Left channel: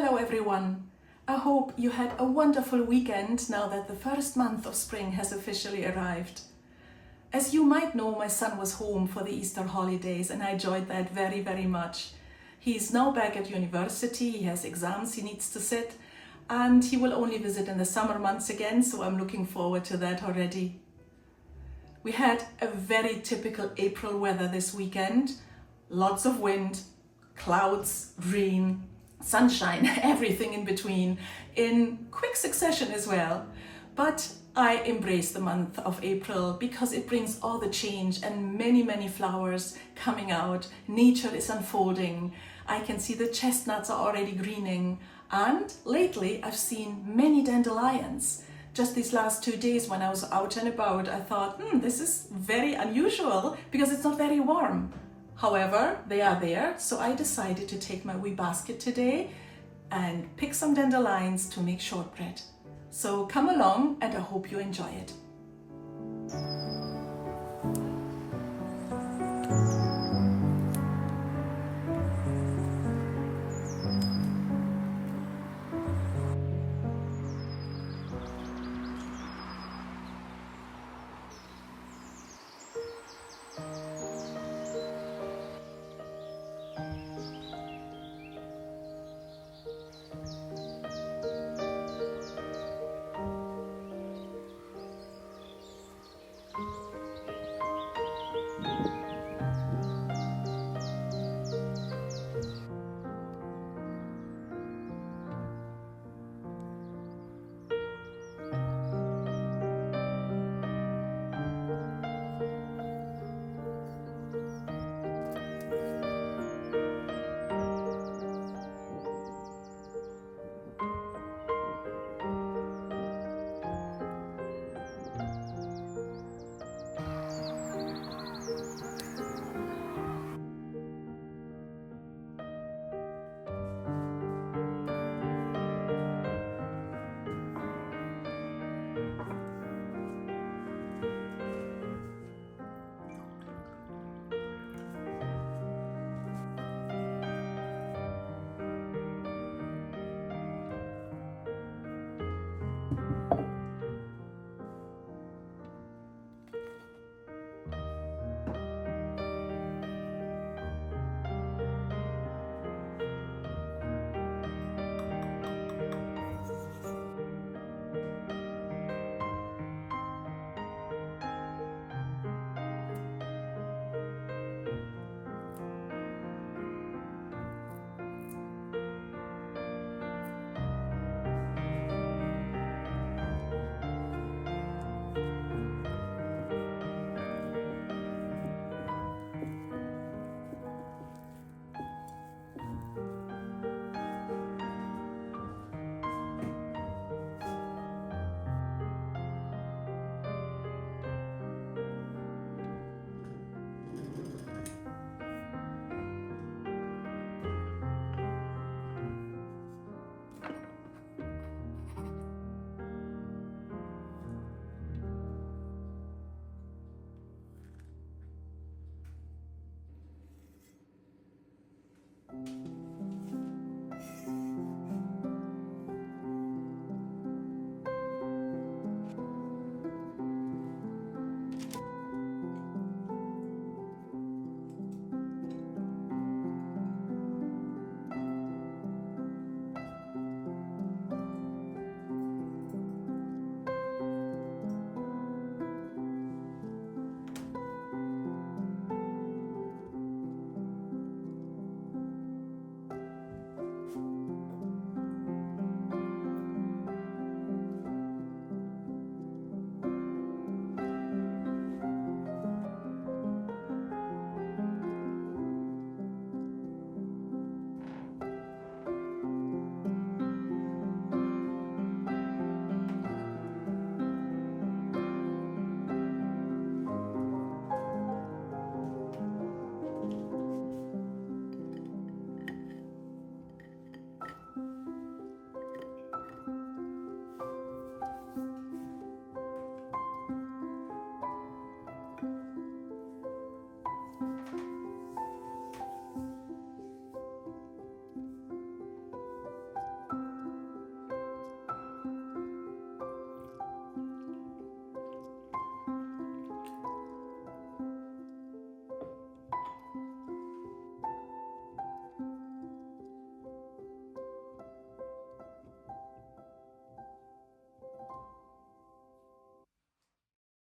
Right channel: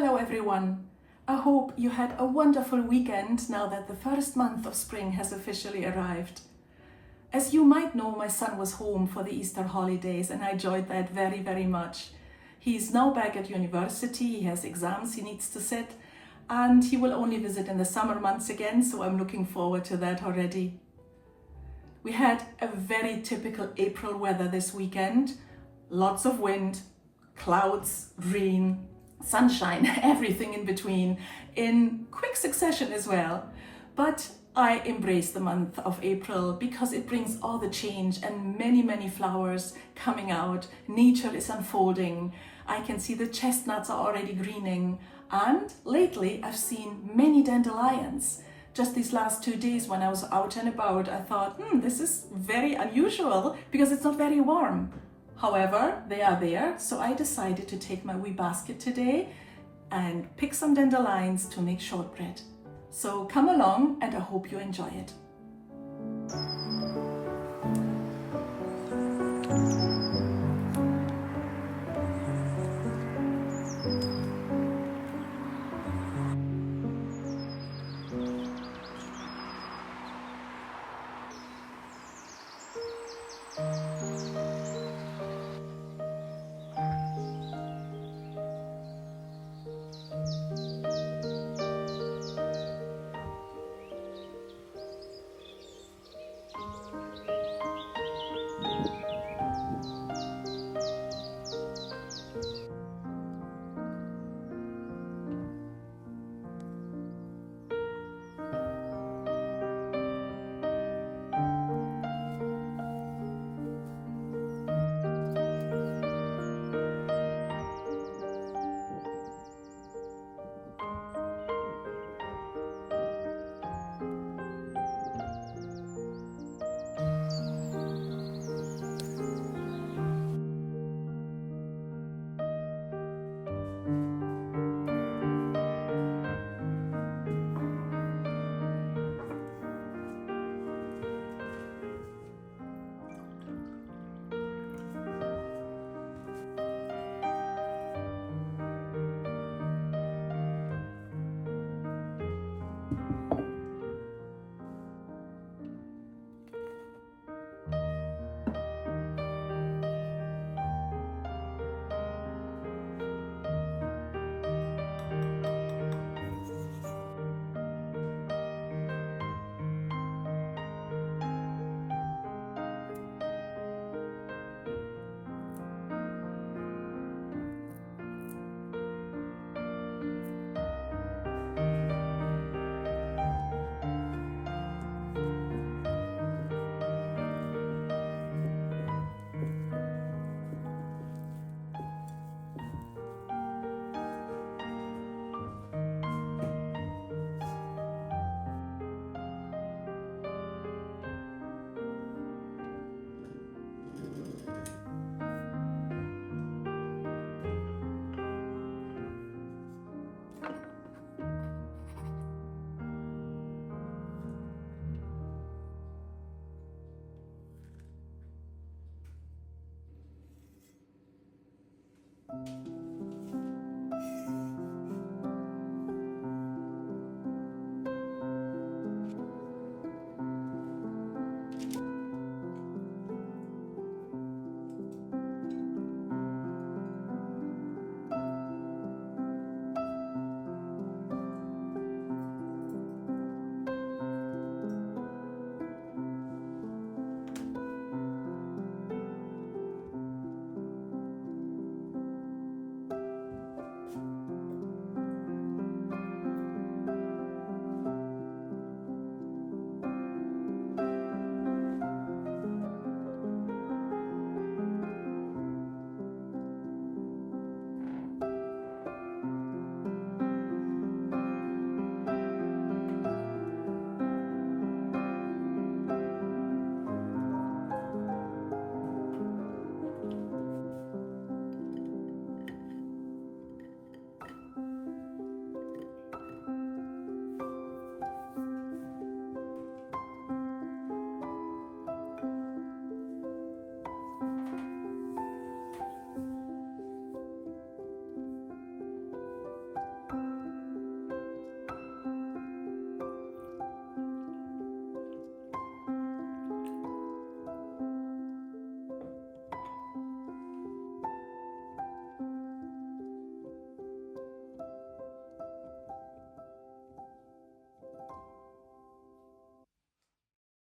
Hello everyone. I hope you had a wonderful weekend now that the first month of spring has officially arrived. As you might know, my son was home for the Easter holidays and I enjoyed that very, very much. He's now back at university, he has exams he needs to sit, and he will only visit in the summer months again, so I'm looking forward to that already. We had a very typical April weather this weekend. Lots of wind, clouds, rain, sunshine, everything in between, in quick succession as well. But I embrace the month of April because it brings all the change and many, many flowers coming out. Nature is unfolding. I can see the chestnuts are already greening. And lately I've seen many dandelions. Just these last 2 days when I was out and about, I thought, this is very unusual because it's not very warm. However, they are there, so I decided to take my wee basket today and pick some dandelions to make shortbread. So come along and I hope you enjoy it.